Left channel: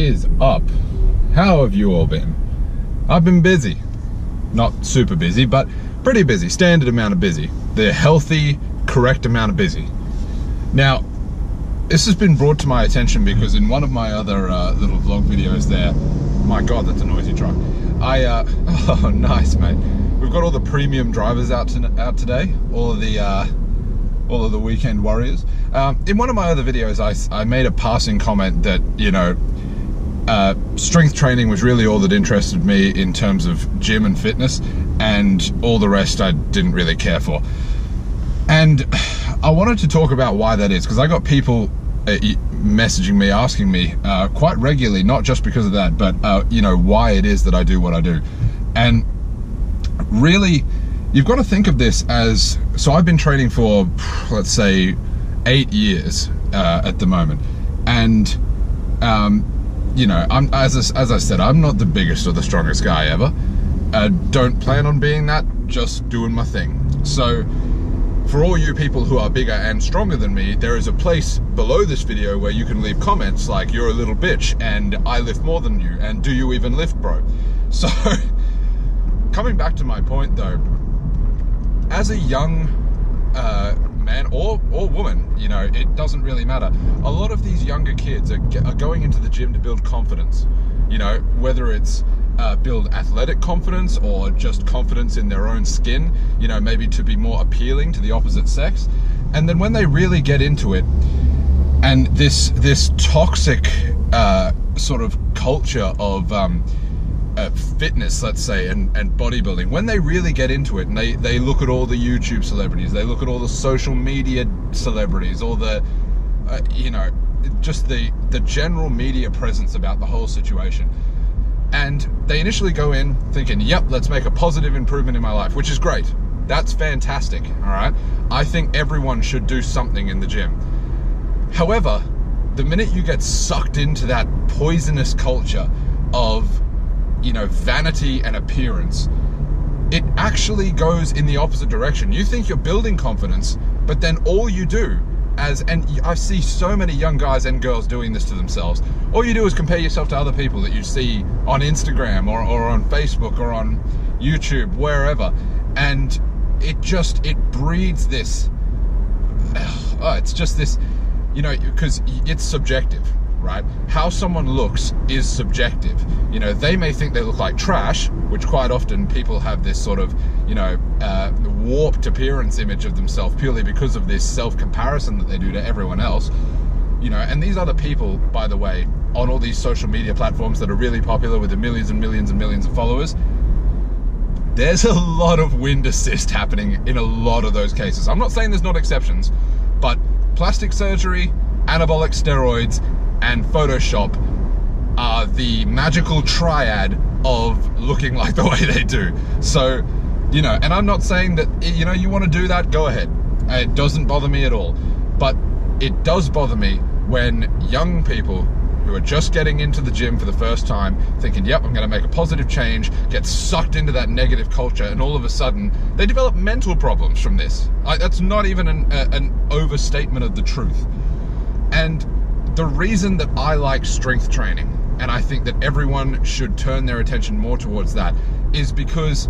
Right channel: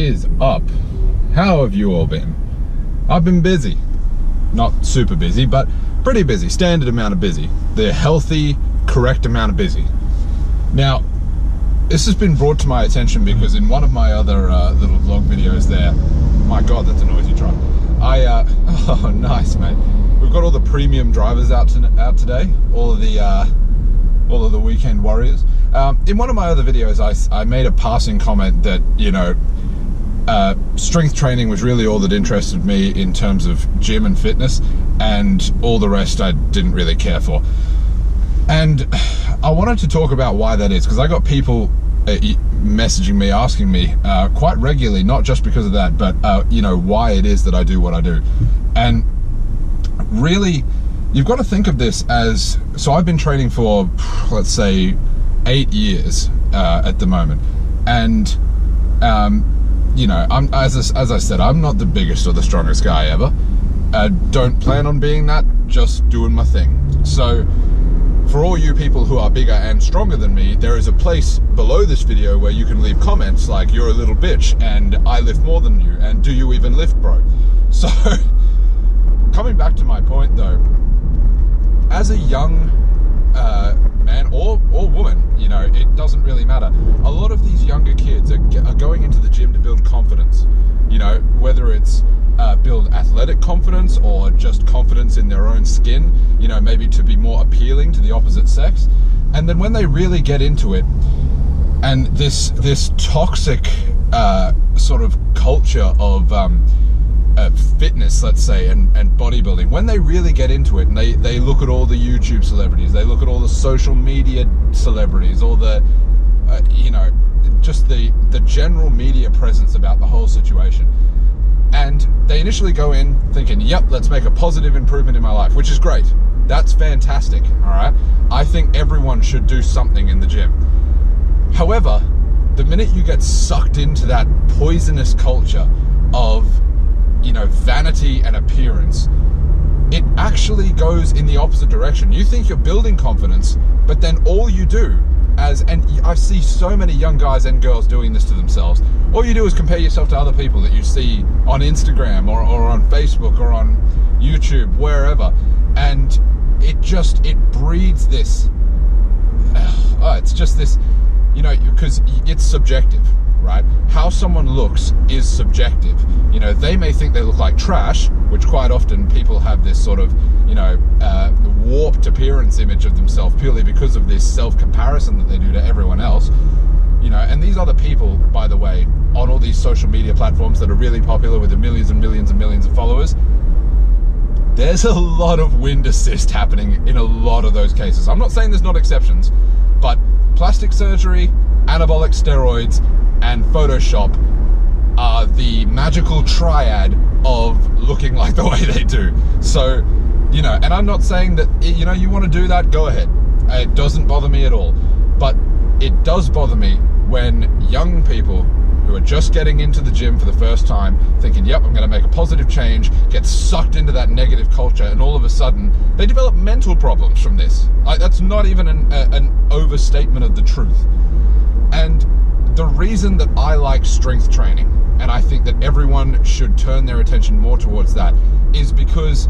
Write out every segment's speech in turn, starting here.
is up? How have you all been? I've been busy. Not super busy, but pretty busy. Standard amount of busy. The healthy, correct amount of busy. Now, this has been brought to my attention because in one of my other little vlog videos there, my God, that's a noisy truck. Oh, nice, mate. We've got all the premium drivers out today, all of the weekend warriors. In one of my other videos, I made a passing comment that, you know, strength training was really all that interested me in terms of gym and fitness, and all the rest I didn't really care for. And I wanted to talk about why that is, because I got people messaging me, asking me quite regularly, not just because of that, but you know, why it is that I do what I do. And really, you've got to think of this as, so I've been training for, let's say, 8 years at the moment, and you know, as I said, I'm not the biggest or the strongest guy ever. Don't plan on being that, just doing my thing. So for all you people who are bigger and stronger than me, there is a place below this video where you can leave comments like, you're a little bitch and I lift more than you, and do you even lift, bro? So coming back to my point though, as a young man or woman, you know, it doesn't really matter. A lot of these younger kids are going into the gym to build confidence, you know, whether it's build athletic confidence or just confidence in their own skin, you know, maybe to be more appealing to the opposite sex. And then when they really get into it, and this toxic sort of culture of fitness, let's say, and bodybuilding, when they really get into it and they look at all the YouTube celebrities, they look at all the social media celebrities, all the you know, just the general media presence about the whole situation, and they initially go in thinking, yep, let's make a positive improvement in my life, which is great. That's fantastic, all right? I think everyone should do something in the gym. However, the minute you get sucked into that poisonous culture of, you know, vanity and appearance, it actually goes in the opposite direction. You think you're building confidence, but then all you do, and I see so many young guys and girls doing this to themselves, all you do is compare yourself to other people that you see on Instagram or on Facebook or on YouTube, wherever, and it breeds this, it's just this, you know, because it's subjective, right? How someone looks is subjective. You know, they may think they look like trash, which quite often people have this sort of, you know, warped appearance image of themselves purely because of this self-comparison that they do to everyone else. You know, and these other people, by the way, on all these social media platforms that are really popular with the millions and millions and millions of followers, there's a lot of wind assist happening in a lot of those cases. I'm not saying there's not exceptions, but plastic surgery, anabolic steroids, and Photoshop are the magical triad of looking like the way they do. So, you know, and I'm not saying that, you know, you want to do that, go ahead. It doesn't bother me at all. But it does bother me when young people who are just getting into the gym for the first time, thinking, yep, I'm going to make a positive change, get sucked into that negative culture, and all of a sudden they develop mental problems from this. That's not even an overstatement of the truth. And the reason that I like strength training, and I think that everyone should turn their attention more towards that, is because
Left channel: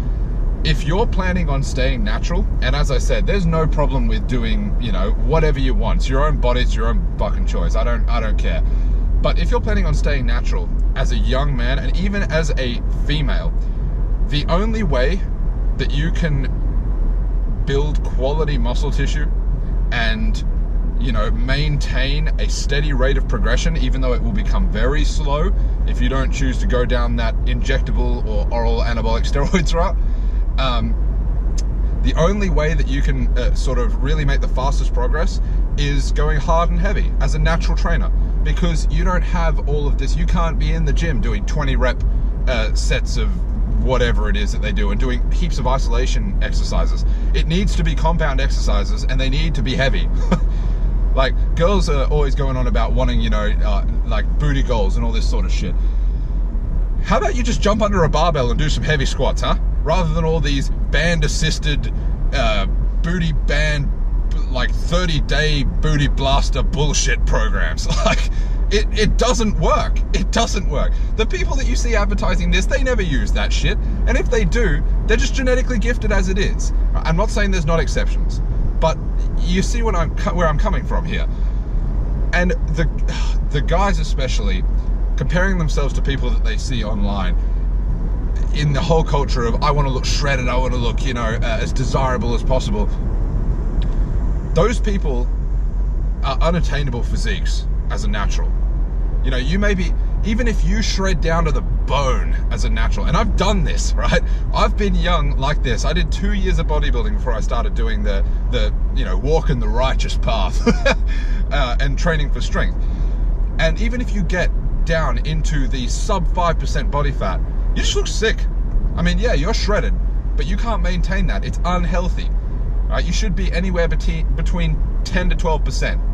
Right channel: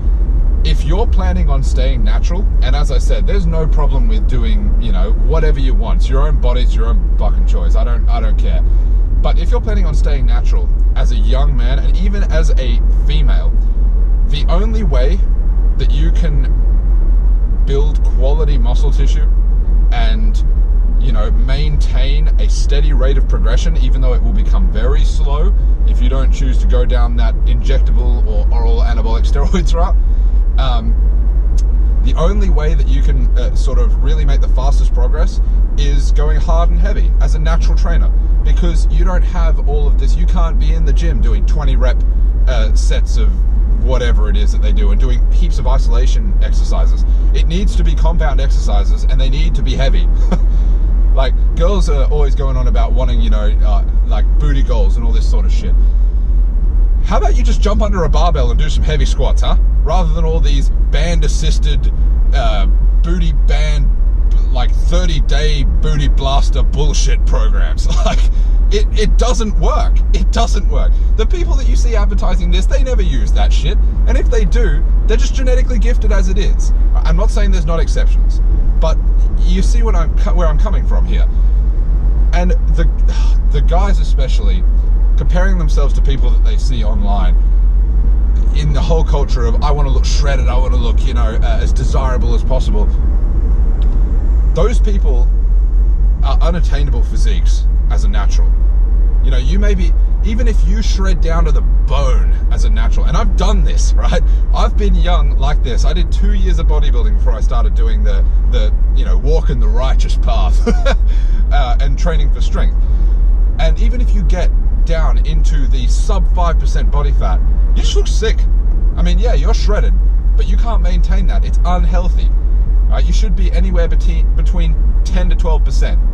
if you're planning on staying natural, and as I said, there's no problem with doing, you know, whatever you want. It's your own body, it's your own fucking choice. I don't care. But if you're planning on staying natural as a young man, and even as a female, the only way that you can build quality muscle tissue and, you know, maintain a steady rate of progression, even though it will become very slow if you don't choose to go down that injectable or oral anabolic steroids route, the only way that you can sort of really make the fastest progress is going hard and heavy as a natural trainer, because you don't have all of this. You can't be in the gym doing 20 rep sets of whatever it is that they do and doing heaps of isolation exercises. It needs to be compound exercises, and they need to be heavy. Like, girls are always going on about wanting, you know, like booty goals and all this sort of shit. How about you just jump under a barbell and do some heavy squats, huh? Rather than all these band-assisted booty band, like 30-day booty blaster bullshit programs. Like, It doesn't work. It doesn't work. The people that you see advertising this, they never use that shit. And if they do, they're just genetically gifted as it is. I'm not saying there's not exceptions, but you see where I'm coming from here. And the guys especially, comparing themselves to people that they see online, in the whole culture of, I want to look shredded, I want to look, you know, as desirable as possible. Those people are unattainable physiques as a natural. You know, you may be, even if you shred down to the bone as a natural, and I've done this, right? I've been young like this. I did 2 years of bodybuilding before I started doing the you know, walking the righteous path and training for strength. And even if you get down into the sub 5% body fat, you just look sick. I mean, yeah, you're shredded, but you can't maintain that. It's unhealthy, right? You should be anywhere between 10 to 12%.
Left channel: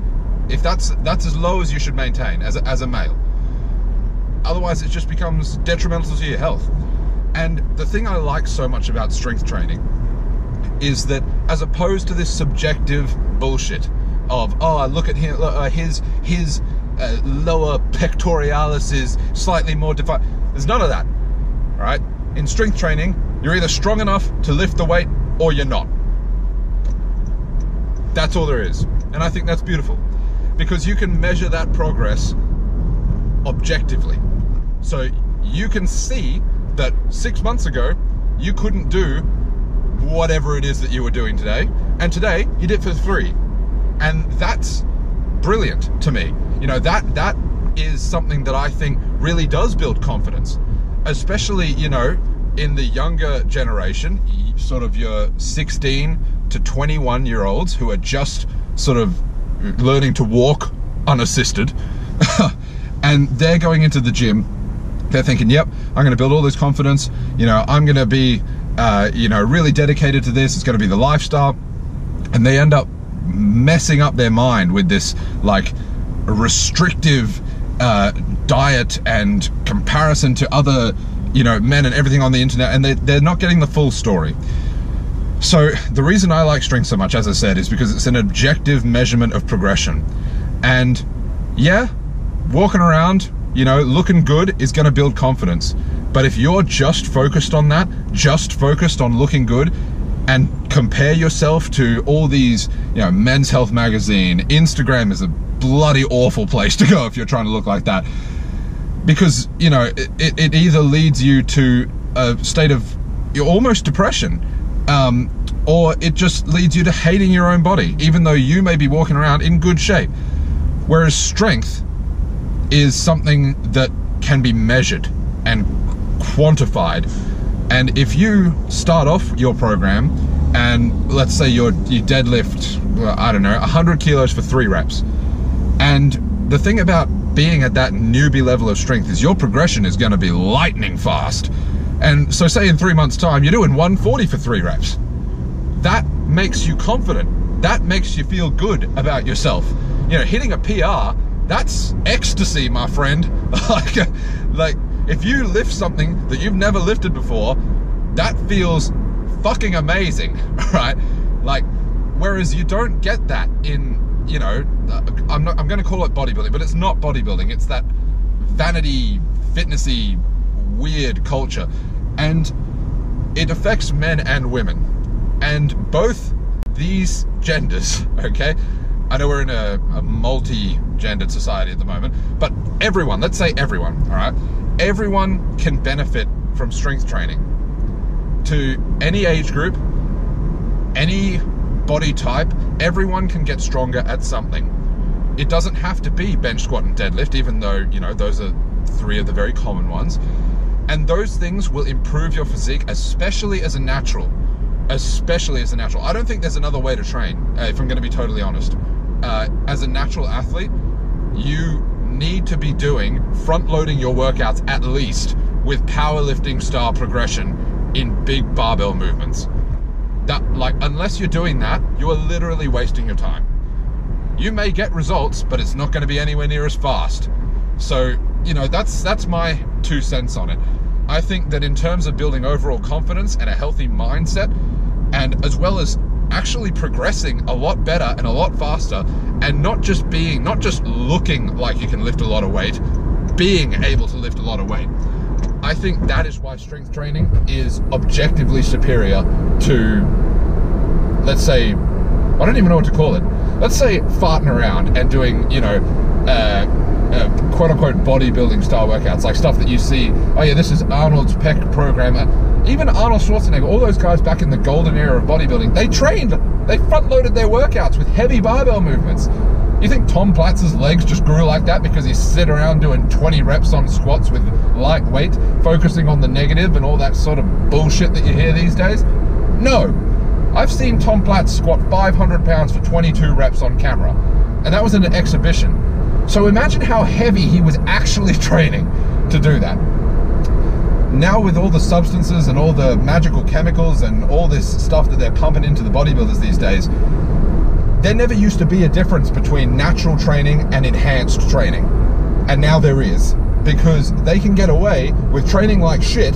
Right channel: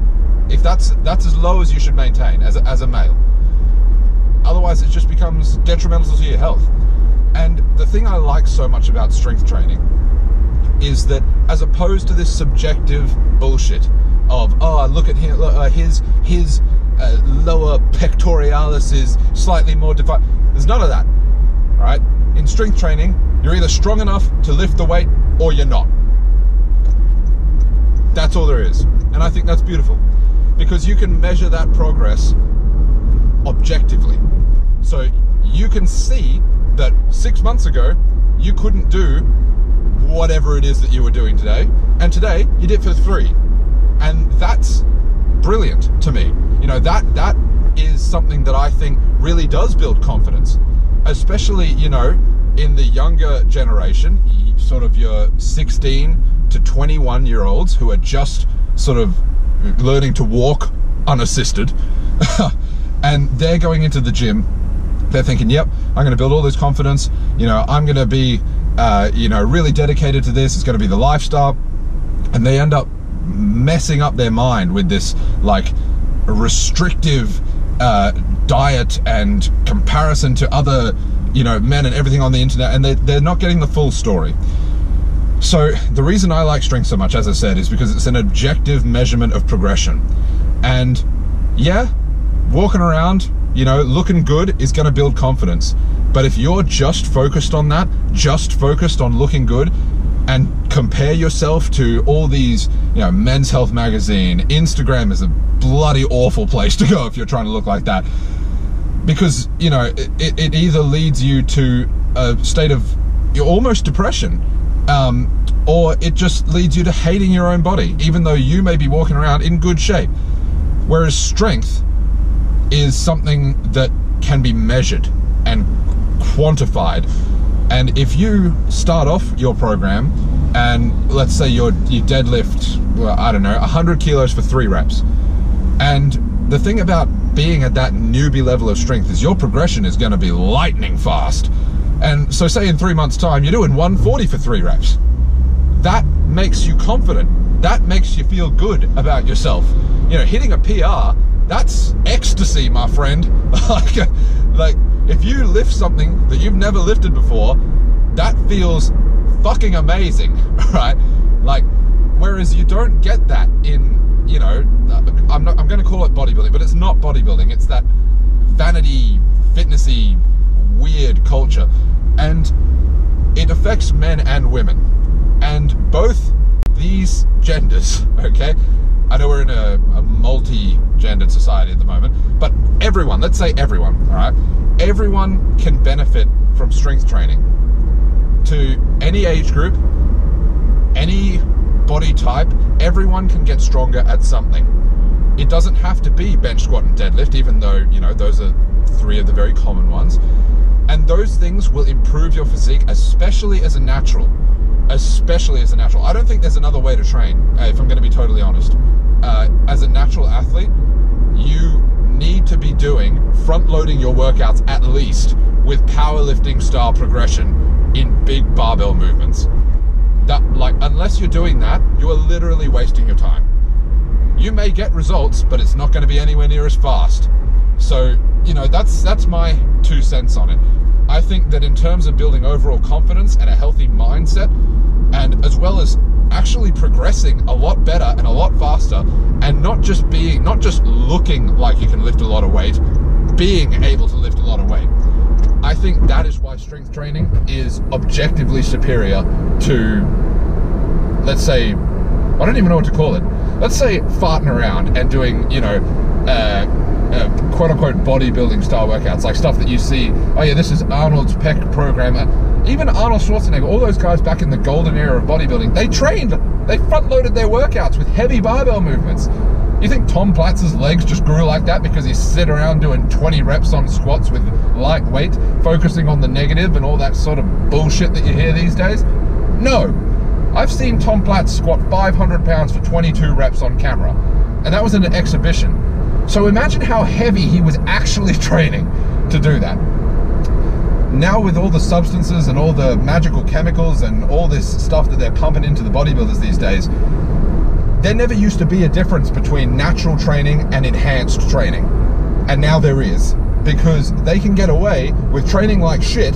If that's as low as you should maintain as a male. Otherwise, it just becomes detrimental to your health. And the thing I like so much about strength training is that, as opposed to this subjective bullshit of, oh, look at him, his lower pectoralis is slightly more defined. There's none of that, all right? In strength training, you're either strong enough to lift the weight or you're not. That's all there is. And I think that's beautiful, because you can measure that progress objectively. So you can see that 6 months ago, you couldn't do whatever it is that you were doing today, and today you did for 3. And that's brilliant to me. You know, that is something that I think really does build confidence, especially, you know, in the younger generation, sort of your 16 to 21-year-olds who are just sort of learning to walk unassisted, and they're going into the gym. They're thinking, yep, I'm going to build all this confidence. You know, I'm going to be, you know, really dedicated to this. It's going to be the lifestyle. And they end up messing up their mind with this, like, restrictive diet and comparison to other, you know, men and everything on the internet. And they're not getting the full story. So the reason I like strength so much, as I said, is because it's an objective measurement of progression. And yeah, walking around, you know, looking good is going to build confidence. But if you're just focused on that, just focused on looking good, and compare yourself to all these, you know, Men's Health magazine, Instagram is a bloody awful place to go if you're trying to look like that. Because, you know, it either leads you to a state of almost depression, or it just leads you to hating your own body, even though you may be walking around in good shape. Whereas strength is something that can be measured and quantified. And if you start off your program and let's say you deadlift, well, I don't know, 100 kilos for 3 reps. And the thing about being at that newbie level of strength is your progression is going to be lightning fast. And so say in 3 months time, you're doing 140 for 3 reps. That makes you confident. That makes you feel good about yourself. You know, hitting a PR, that's ecstasy, my friend. Like, if you lift something that you've never lifted before, that feels fucking amazing, right? Like, whereas you don't get that in, you know, I'm going to call it bodybuilding, but it's not bodybuilding. It's that vanity, fitnessy, weird culture, and it affects men and women, and both these genders, okay? I know we're in a multi-gendered society at the moment, but everyone, let's say everyone, all right? Everyone can benefit from strength training. To any age group, any body type, everyone can get stronger at something. It doesn't have to be bench, squat, and deadlift, even though, you know, those are 3 of the very common ones. And those things will improve your physique, especially as a natural. Especially as a natural. I don't think there's another way to train, if I'm going to be totally honest. As a natural athlete, you need to be doing front-loading your workouts at least with powerlifting style progression in big barbell movements. That, like, unless you're doing that, you are literally wasting your time. You may get results, but it's not going to be anywhere near as fast. So, you know, that's my 2 cents on it. I think that in terms of building overall confidence and a healthy mindset, and as well as actually progressing a lot better and a lot faster, and not just looking like you can lift a lot of weight, being able to lift a lot of weight. I think that is why strength training is objectively superior to, let's say, I don't even know what to call it. Let's say farting around and doing, you know, quote unquote bodybuilding style workouts, like stuff that you see, oh yeah, this is Arnold's pec program. Even Arnold Schwarzenegger, all those guys back in the golden era of bodybuilding, they front loaded their workouts with heavy barbell movements. You think Tom Platz's legs just grew like that because he sit around doing 20 reps on squats with light weight, focusing on the negative and all that sort of bullshit that you hear these days? No. I've seen Tom Platz squat 500 pounds for 22 reps on camera, and that was in an exhibition. So imagine how heavy he was actually training to do that. Now with all the substances and all the magical chemicals and all this stuff that they're pumping into the bodybuilders these days, there never used to be a difference between natural training and enhanced training. And now there is, because they can get away with training like shit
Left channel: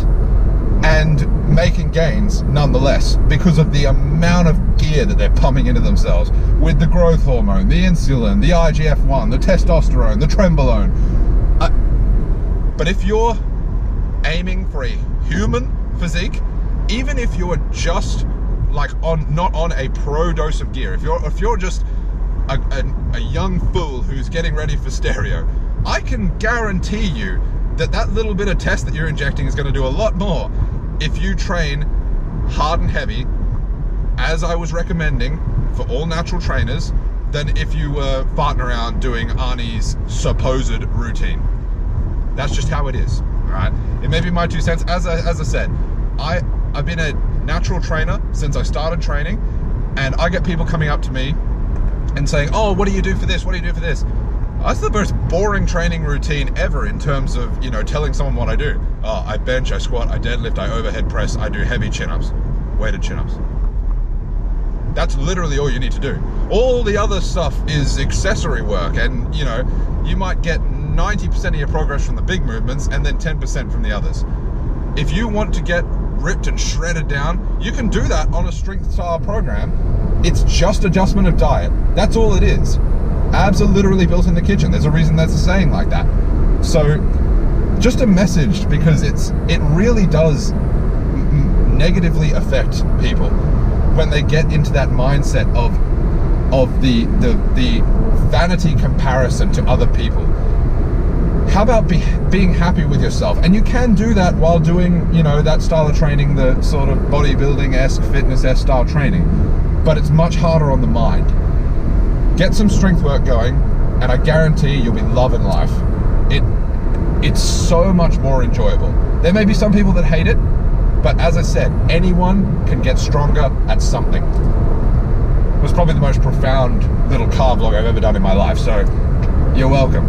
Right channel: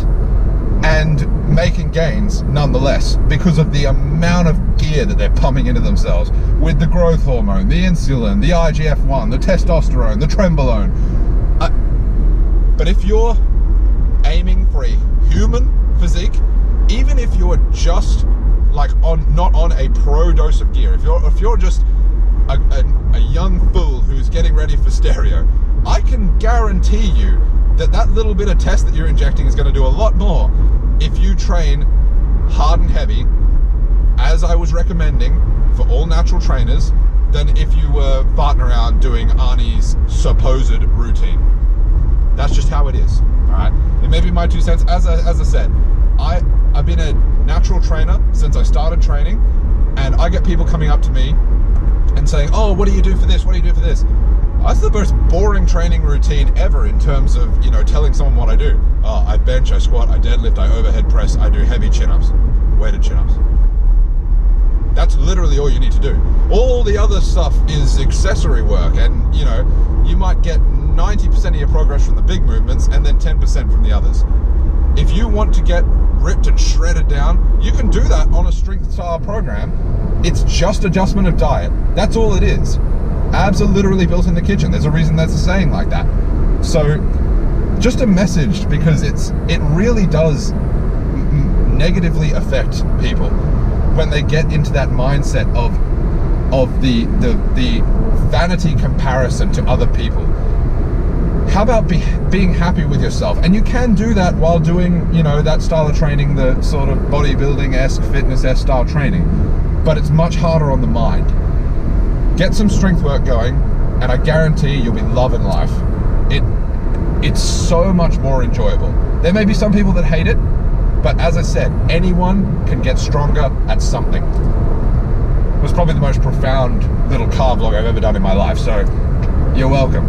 and making gains nonetheless, because of the amount of gear that they're pumping into themselves with the growth hormone, the insulin, the IGF-1, the testosterone, the trenbolone. But if you're aiming for a human physique, even if you're just like not on a pro dose of gear, if you're just a young fool who's getting ready for stereo, I can guarantee you that that little bit of test that you're injecting is going to do a lot more if you train hard and heavy, as I was recommending for all natural trainers, than if you were farting around doing Arnie's supposed routine. That's just how it is, all right? It may be my 2 cents. As I said, I've been a natural trainer since I started training, and I get people coming up to me and saying, oh, what do you do for this? What do you do for this? That's the most boring training routine ever in terms of, you know, telling someone what I do. Oh, I bench, I squat, I deadlift, I overhead press, I do heavy chin-ups, weighted chin-ups. That's literally all you need to do. All the other stuff is accessory work, and, you know, you might get 90% of your progress from the big movements and then 10% from the others. If you want to get ripped and shredded down, you can do that on a strength style program. It's just adjustment of diet. That's all it is. Abs are literally built in the kitchen. There's a reason there's a saying like that. So just a message, because it really does negatively affect people when they get into that mindset of the vanity comparison to other people. How about being happy with yourself? And you can do that while doing, you know, that style of training, the sort of bodybuilding-esque, fitness-esque style training, but it's much harder on the mind. Get some strength work going, and I guarantee you'll be loving life. It's so much more enjoyable. There may be some people that hate it, but as I said, anyone can get stronger at something. It was probably the most profound little car vlog I've ever done in my life, so you're welcome.